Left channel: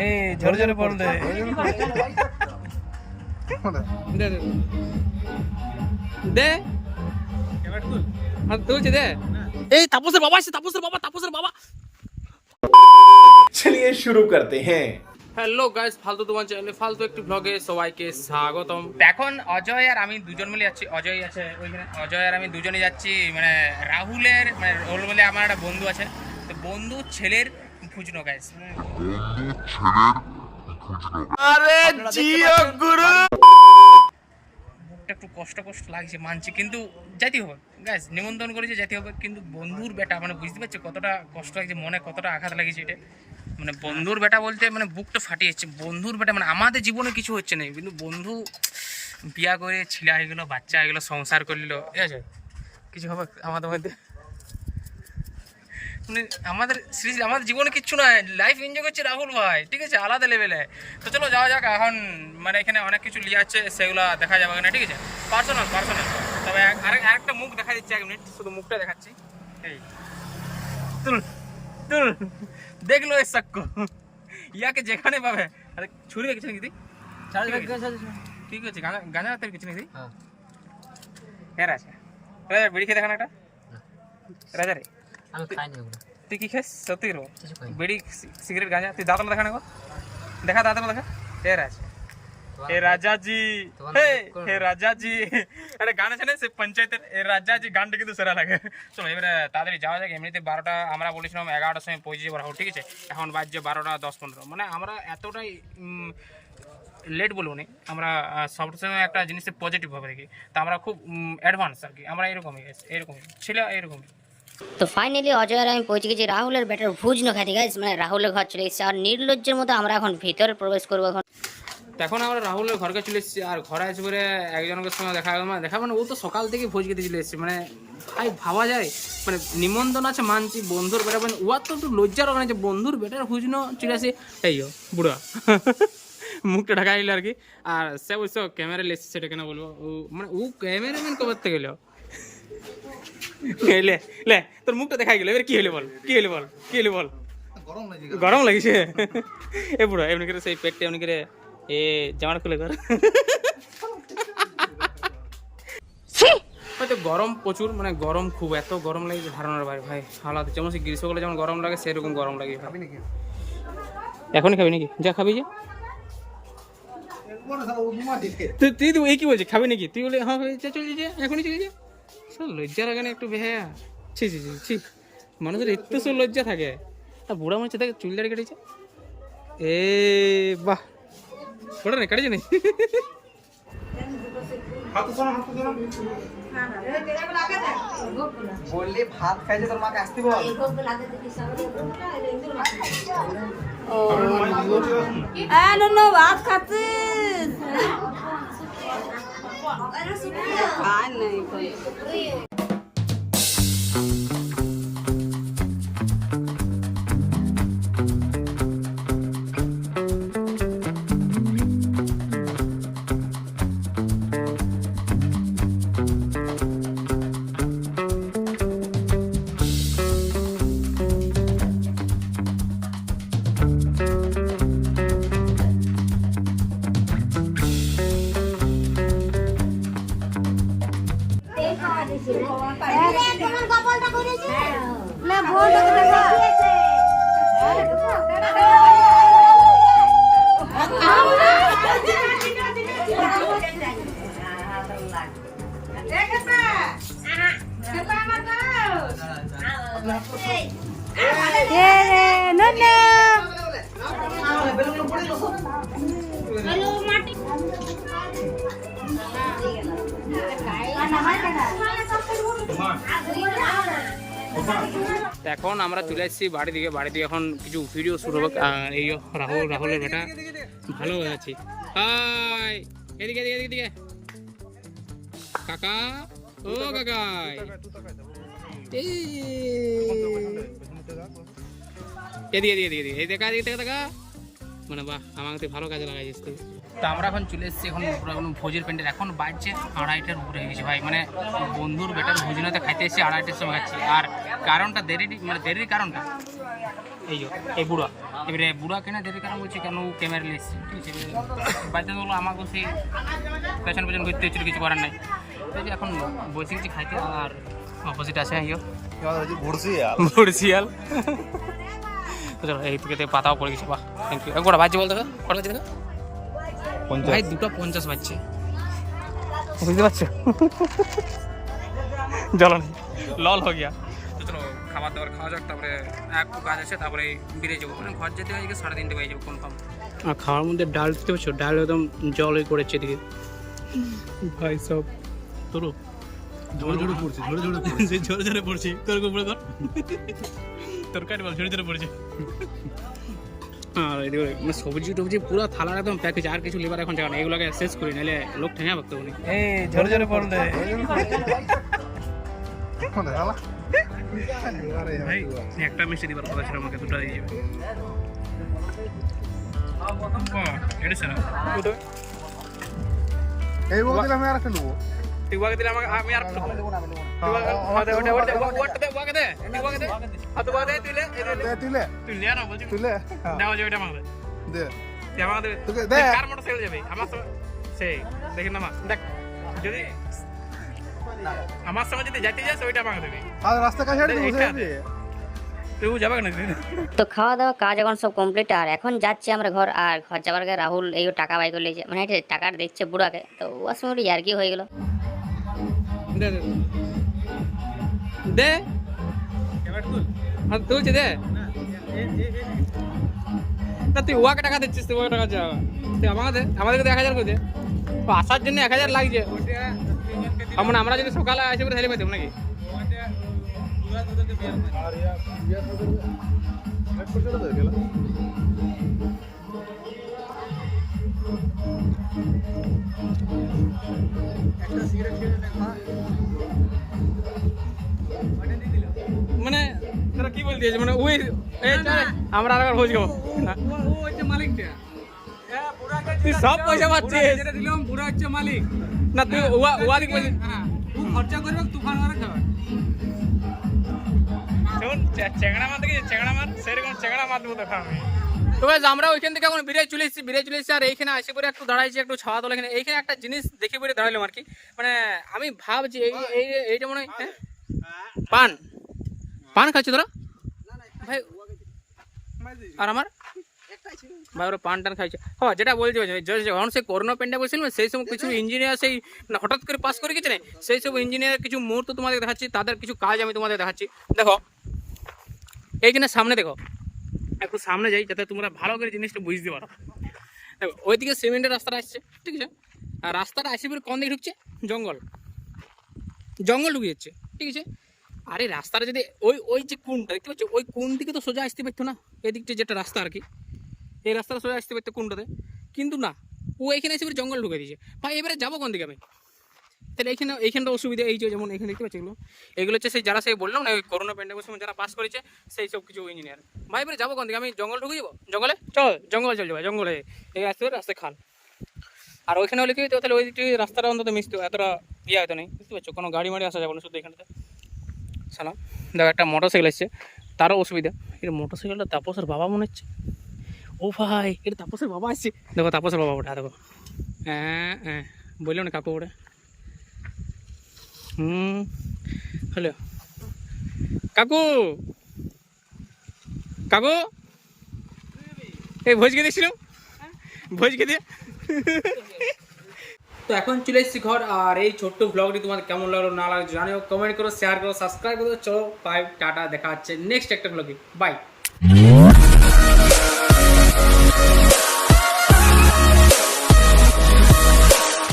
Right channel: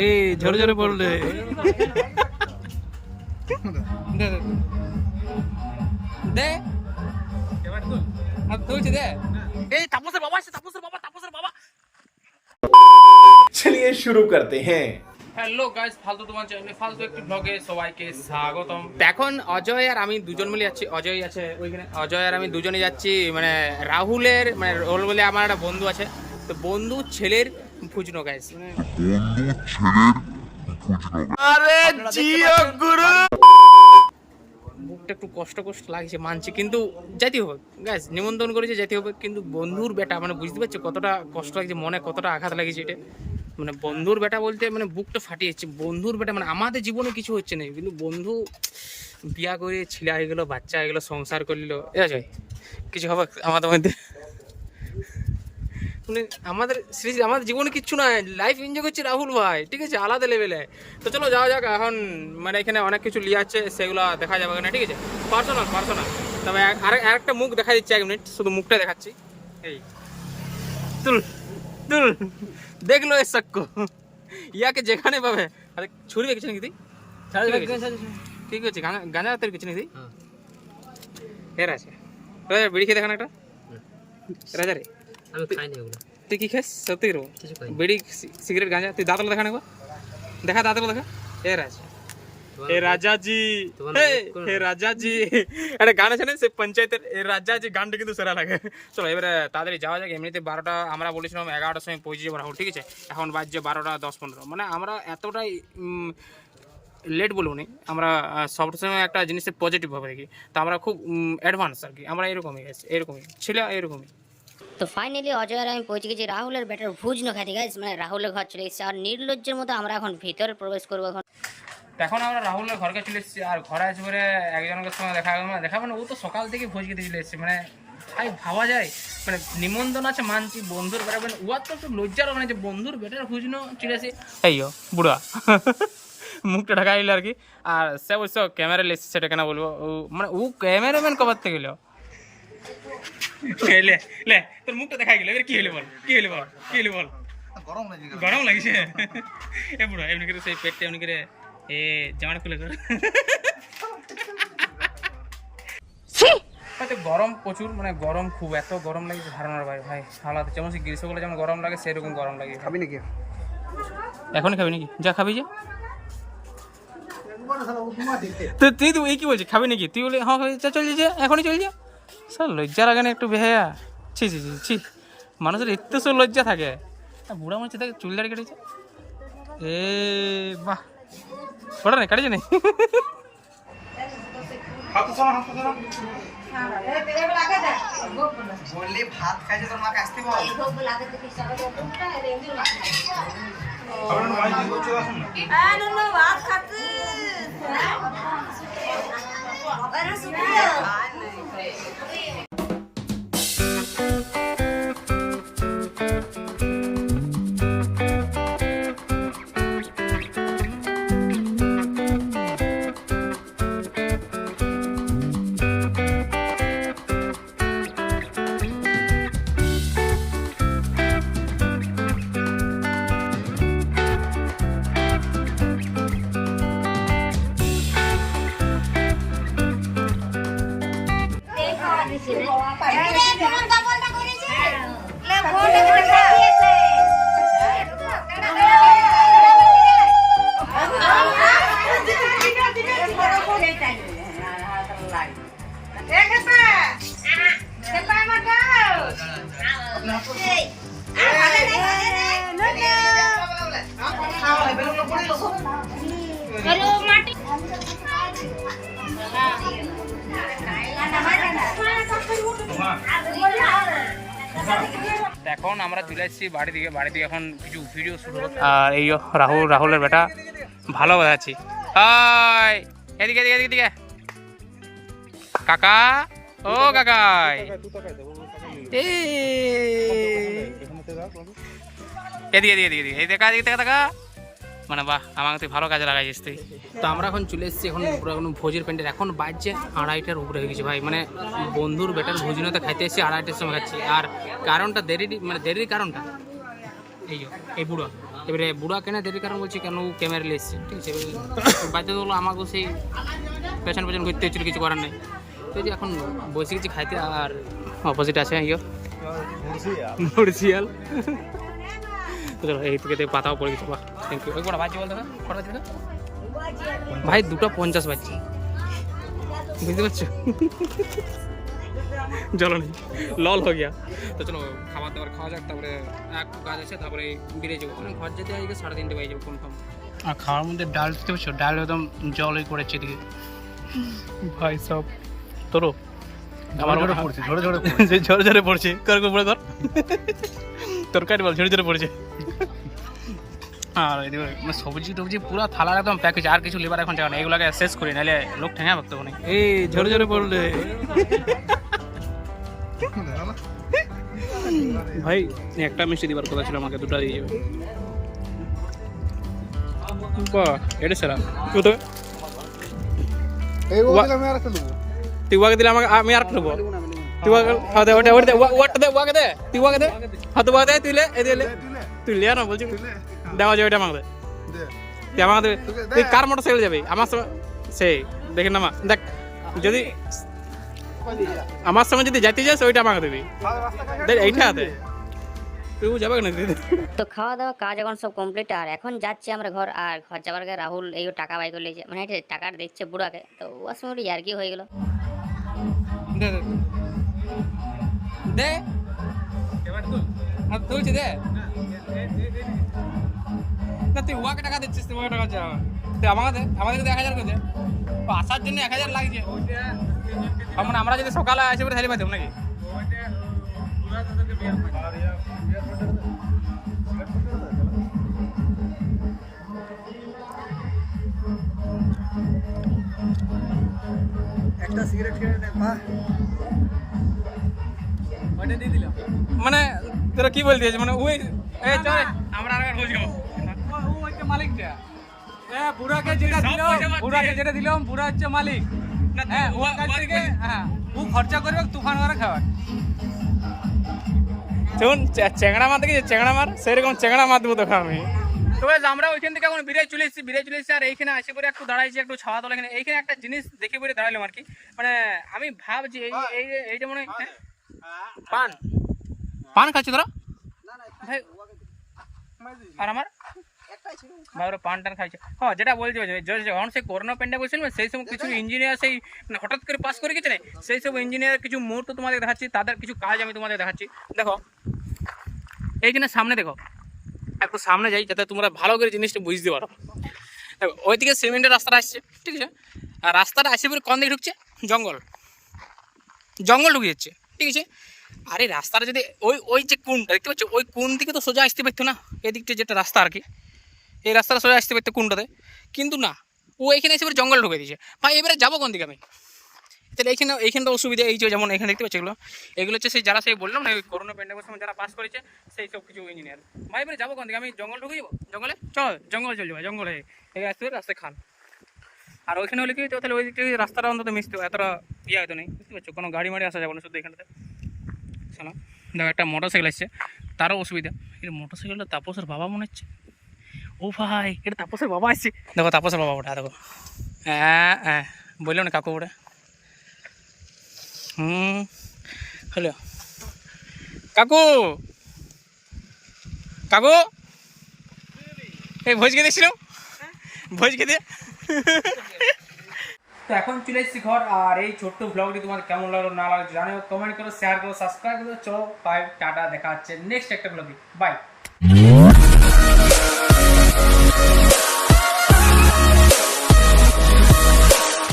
এই ঝরে ঝরে পড়লে দে দে দে হাত তুলছে দে এই তাপসের বাবা আসছে তাপসের বাবা তাপসের বাবা चलिए शुरू करते हैं হ্যালো গাইস ফালতু তোমার চ্যানেলে ফালতু একটি ব্লগে সবাইকে স্বাগতম। এখন অজয় আর আমি দুজন মিলে যাচ্ছি। অজয় আছে ওইখানে। অজয় আর আমি দুজনে যাচ্ছি মানে রাহুলের মানে রোল বলে আমার একটা বন্ধু আছে। তো বন্ধু ছেলের ফুচনো গাইস বন্ধু আরে জিও গুরু! একটু কষ্ট কষ্ট লাগছে মানছি। কিন্তু যাইতে হবে গ্যাস নিমন্ত্রণ করেছে যেতে হবে। কিন্তু বন্ধুর বেটা মানে বুঝতে পারছ কতটা কষ্ট লাগছে মনে কতটা আঘাত লাগছে এটা। মানে বন্ধুর বেটা বলতে মানে বুকটা ফাটিয়ে যাচ্ছে। বন্ধুর বেটা মানে আমাদের জীবনে কিছু হচ্ছে না। কিন্তু বন্ধু বিয়া করে ছিলা হয়ে গেলো, বাচ্চা হয়ে গেলো, সংসার করলিল এ আছে? কিছু হবে আমাদের মধ্যে? মানে আমাদের শ্রী- আমাদের জীবনে কিচ্ছু নাই লাইফ এনজয় করছে রাহুল ভাই, ঠিক আছে? আলাদা লেভেলে তো চলো যাওয়া যাক, এখন মানে এখানে অনেক কিছু লিয়ে আছে, সেগুলো দেখা যাবে না ঠিক আছে? পার্সোনাল পার্সোনাল তবে আরেক আরেকটা মুখ দেখা দিচ্ছে এক মিনিট শুধু মুখটা দেখাচ্ছি। এই। তুল তুল দেখল এ সাক্কো ইয়াকে যেখানে পাবে আরে ছুরি রেখেছে নাকি তুই কি করছিস গাঁজা গাঁজা তোর কিছু নাকি হ্যাঁ। এর আছে রাজা বিড়ি খেয়ে দেখান একটা রাজা রে আমি খাইনি ওগুলো তুই কি খাস সত্যি রো কিছু খাইনি বিড়ি সি- সিগারেট গাঁজা তুই দাঁতলা দেখা না গো দেখা দাঁতলা দেখা এর আছে হে রাজাজি। তোমার হে নাম কোন? হে রাজাজি। একটা গান আছে না সে পঞ্চায়েতের এ রাজাজি গানটা কিন্তু সেরা লাগে। চলো এবারে তাড়াতাড়ি যাওয়া যাক এমনিতে বারোটা আমরা বলেছিলাম এগারোটার সময় পৌঁছে যাব ঠিক আছে? এখন বাজছে বারোটা দশ পনেরো। মানে আমরা এতটাই লেট বলব নি আমরা সবসময় একটা জিনিসের পজিটিভ ভাবে দেখি তো আমরা খুব অ্যাডভান্স আর কি আমরা এরকমই এরকমই। ছিল এরকমই। তো ফাইনালি অজয় আর আমি পৌঁছে গেছি রাহুলের ব্যাটার ভুজ ন খাতে গাইস মানে রাহুলের ঘর চলে এসেছে। আর নির্লজ্জের মতো আমরা এখন ভিতরে প্রবেশ করব এখন। এখন আমরা রাহুলের ঘরকে চলে এসেছি আর ঘরে আসে পরে একজনের সঙ্গে দেখা গেল মানে দেখা মানে ও তো সকাল থেকে ভোজ খেতে চলে এসেছে মানে ভাই ভাবা যায় মানে নিমন্ত্রণ আছে মানছি বন্ধুর বেটা মানে ওয়ার তো একটু লজ্জার ওখানে যে বন্ধুর বেটার ভুজনো চলে আসি। এই বুড়া। মুখটা ঢাকা দিল আর কি। আর সে অবশ্য ক্যামেরা লেসছে সেটা কেন বলব? ও মানে ও ক্যামেরাম্যান কবার থেকে গেল লে লে তোর মুখটা দেখা গেল এবার কি হলে বল কি হলে বল কি হলে বল? গরম লাগিছে। এ বুড়ো এমনি করে সেই পেটটা এমনি করে এ জামাটা খুলে কর। হয়তো গরম প্রচুর মানে গরম খুব এত গরম লাগে যে ধারণার বাইরে ভাই হালাত যেমন সে গ্রীষ্মকালে যেমন গরম লাগে সেরকম গরম লাগে খাবি নাকি? এখনই খাবি নাকি? যা খাবি যা। তুই তুই তো এই কি বলছিস? খাবি নাকি? তুই বলে হ্যাঁ যা চল যা এখনই চল যা। স্যার লজ্জা লাগে না একটু ভেয়া ছি ছি ছি ছি। মানুষের এত সব লজ্জা থাকে। আর বুড়া মানুষ দেখে চুল দাড়ি কেটেছে? এ বাহ। ওটা নেই কাটিছে নেই বললি ভাত খাইছে তোর মাকে আসতে বল ভাত খাচ্ছিস তো এখন আমরা চলে এসেছি বাড়ি দিকে বাড়ি দিকে এখন কিছু ভিডিও শুরু হবে আর এই রাহুল, রাহুলের বেটা। ভালো বাজাচ্ছি হাই! এদিকে এদিকে এদিকে কাকা? ও, কাকাই। এদিকে এদিকে এদিকে দেখা এদিকে, দেখা দেখা। মানে বাহ, আমাকে তুই ভালো কাজে লাগাইছিস তুই। তো আমরা এখন চলে এসেছি, এখন এখন ভোজের প্যান্ডেল এখন বাজছে আড়াইটার উপরে হয়ে গেছে ভাই। মানে বন্ধুর বেটার ভোজনতে খাইতে এসেছি, আড়াইটার সময় খাচ্ছি। আর কারণটা দেরি মানে দেরির কারণটা? এই এই বুড়া। এবারে বুড়া কেন দেরির কারণ বলছি, কেন ক্যামেরা এসেছে ঠিক আছে, এবারে বাধ্যতামূলক আমাকে সেই পেছন পেছন করতে হচ্ছিল কিছু করার নাই। তো যে এখন বসে গেছি খাইতে, আর অপোজিট আছে ইয়ো ভুড়শিয়াল এই থেকে পাতাও পড়ে গেছে, বাহ থ্যাংক ইউ একবার বাজছে বলতে বাজছে দেখো। ভাই দুটো পঞ্চাশ বাজছে। বুঝতে পারছ? জলো নেই। লল হয়ে গিয়া। তো চলো খাবার দাবার খাওয়া যাক তারপরে একটু কাজ আছে তারপরে বেরিয়ে যাব। মানে ঘর যেতে আজকে সাড়ে তিনটে বেজে যাব কনফার্ম আর খাওয়ার মধ্যে ডাল দিতে পারছ ডাল একদম জলই করেছে এদিকে। ভাই সব তোরও। আমার ঝরে পড়ছে ঝরে ঝরে পড়ছে। ঝরে ঝরে পড়ছে। কর কর পড়ে কর। তরকারি বল ঝরে ঝরে পড়ছে। আর এদিকে মানে সবজি টবজি পুরো থালা একদম প্যাক হয়েছে আর কিছু লেবার এখন নেই। এগুলোকে শেষ করি নাহলে লোক ঠেঙা ভাবতে অনেক এই ঝরে ঝরে পড়লে। ভাই একটা মিষ্টি দিবার কথা ছিল আমাকে দুটো দিয়ে যাবে বাহ এটা সেরা। এই বলতে আমি আর একটা নেব তুই ওয়াকে দিলে আমাকে আমি আর নেব তুই ওয়াকে দে ওটা ওটা ওয়াটা দে ওয়াকে দে তুই ওয়াকে দে হাত ওয়াকে দে তুই লে এই দে লে তুলে তুই লে না বলছি তুলে দেওয়া যাবে কার আমার সেই দেখেন না দেখ যদি আমার সঙ্গে যদি যেতে যাস ওইটা আমাকে দিবি এইটা তুই যাবে না তো খাওয়া দাওয়া কাজ এখন সব কমপ্লিট আর এখন যাচ্ছি আমরা ঘর আর ঘর যাবার আগে রাহুল এই টাকা বাই করে মানে টাকাটা দেখছে বুড়াকে তো ওর সঙ্গে আর কি হয়ে গেল দে। আর তুলছে দে। না তুই ওয়াকে টাকা দিচ্ছিস তুই ওয়াকে টাকা যাওয়া তুই আমাকে দে আমাদেরকে এক হাজার করে দে। তো আসার জন্য এক হাজার লাগছে। মানে আমরা যদি সকালে আসি পরে তাহলে পাইতাম নাকি? কি বলতে? মানে ওই এই চল আমরা আর একবার ভোজ খাব সব পয়সা যেটা দিলাম বুড়া হচ্ছে মালিক। না তুই ওয়া ওয়া কি বলছিস। হ্যাঁ ও খরচা করবে তুফান খাবার শোন চেংড়া মার দেখি চেংড়া মার। সেরকম চেংড়া মার দেবো তোকে আমি। তো আমরা ওইখান থেকে এখন বিরাই চলে এসেছি বিরাই চলে এসেছি আর এইখানে আসে পরে একটু দাঁড়াইছি একটু ছাওয়া তোলা এখানে। এইখানে একটা জিনিস দেখে পরে দাঁড়াইলাম আর কি। মানে আমি ভাবছি এই এই এইটা মনে হয় হ্যাঁ? পান। পান খাচ্ছি তোরা? ভাই, আর আমার? পান টান খাইছে। হ্যাঁ যেটা বলছি যখন সেই করোনা সেই সময় কিছু ইঞ্জিনিয়ার সেই হঠাৎ করে পাস করে না? সেই সব কিছু মুহূর্ত তোমাদের দেখাচ্ছি, তাদের কিছু কাজ আমি তোমাদের দেখাচ্ছি। দেখো সামনে দেখো, একটু সামনে যাই, যাতে তোমরা ভালো করে জিনিসটা বুঝতে পারো। ওইদিকে সিমেন্টের রাস্তাটা আসছে, ঠিক আছে? আর রাস্তাটা আসে পরে কোন দিকে ঢুকছে? জঙ্গল। জঙ্গল ঢুকে যাচ্ছে, ঠিক আছে? আরে রাস্তাটা যদি ওই ওই যে কোনটা দেখতে পাচ্ছ, ওই কোন দিকে তো সোজা আসতে পারতো না এদিকটা যেটা রাস্তা আর কি। এই রাস্তাটা সোজা আসতে পারতো কোনটাতে? কিন্তু না, ও এখানে এসে এবারে জঙ্গল ঢুকে দিয়েছে। ভাই, এবারে যাব কোন দিকে আমি? তাহলে এইখানে, এইখানটা অসুবিধা, এই যে যেমন এখানে দেখতে পাচ্ছি এগুলো এগুলো হচ্ছে সেই যারা সেই বললাম না, এই করোনা প্যান্ডেমের সময় যারা পাস করেছে, সেই সব কিছু ইঞ্জিনিয়ার ভাই, এবারে যাব কোন দিকে? আমি জঙ্গল ঢুকে যাব? জঙ্গলে? চল জঙ্গলে চল যাব, জঙ্গলে। এই রাস্তা রাস্তায় খাল। আর ওইখানে হলে কি তাহলে ওই দিকটা রাস্তাটা অন্তত মিশতো এতটা ইয়ে হয়তো নেই। বুঝতে পারছ? কোনো গাড়ি মাড়ি আসা যাবে না শুধু এখানটাতে। সালাম দেখো একটা মোটর সাইকেল আসছে তারও অসুবিধা। এটা মোটর সাইকেলটা তাপসের বাবা মনে হচ্ছে? ও ভাই এটা তাপসের বাবা আসছে। দেখো তাপসের বাবা ওটা দেখো। হ্যাঁ হ্যাঁ বলল না কাকু ওটা। হুম হ্যালো কাকু! কাকু! এই ভোজ খেতে ছিল ভোজ খেতে? তো এখন চলে এসেছি ঘর, আর এই ছোট্ট ব্লগটি তোমার কেমন লাগল না লাগল জানিও কমেন্ট করো শেয়ার করো সাবস্ক্রাইব করো চলো বাই টাটা, দেখা হচ্ছে নেক্সট একটা ব্লগে বাই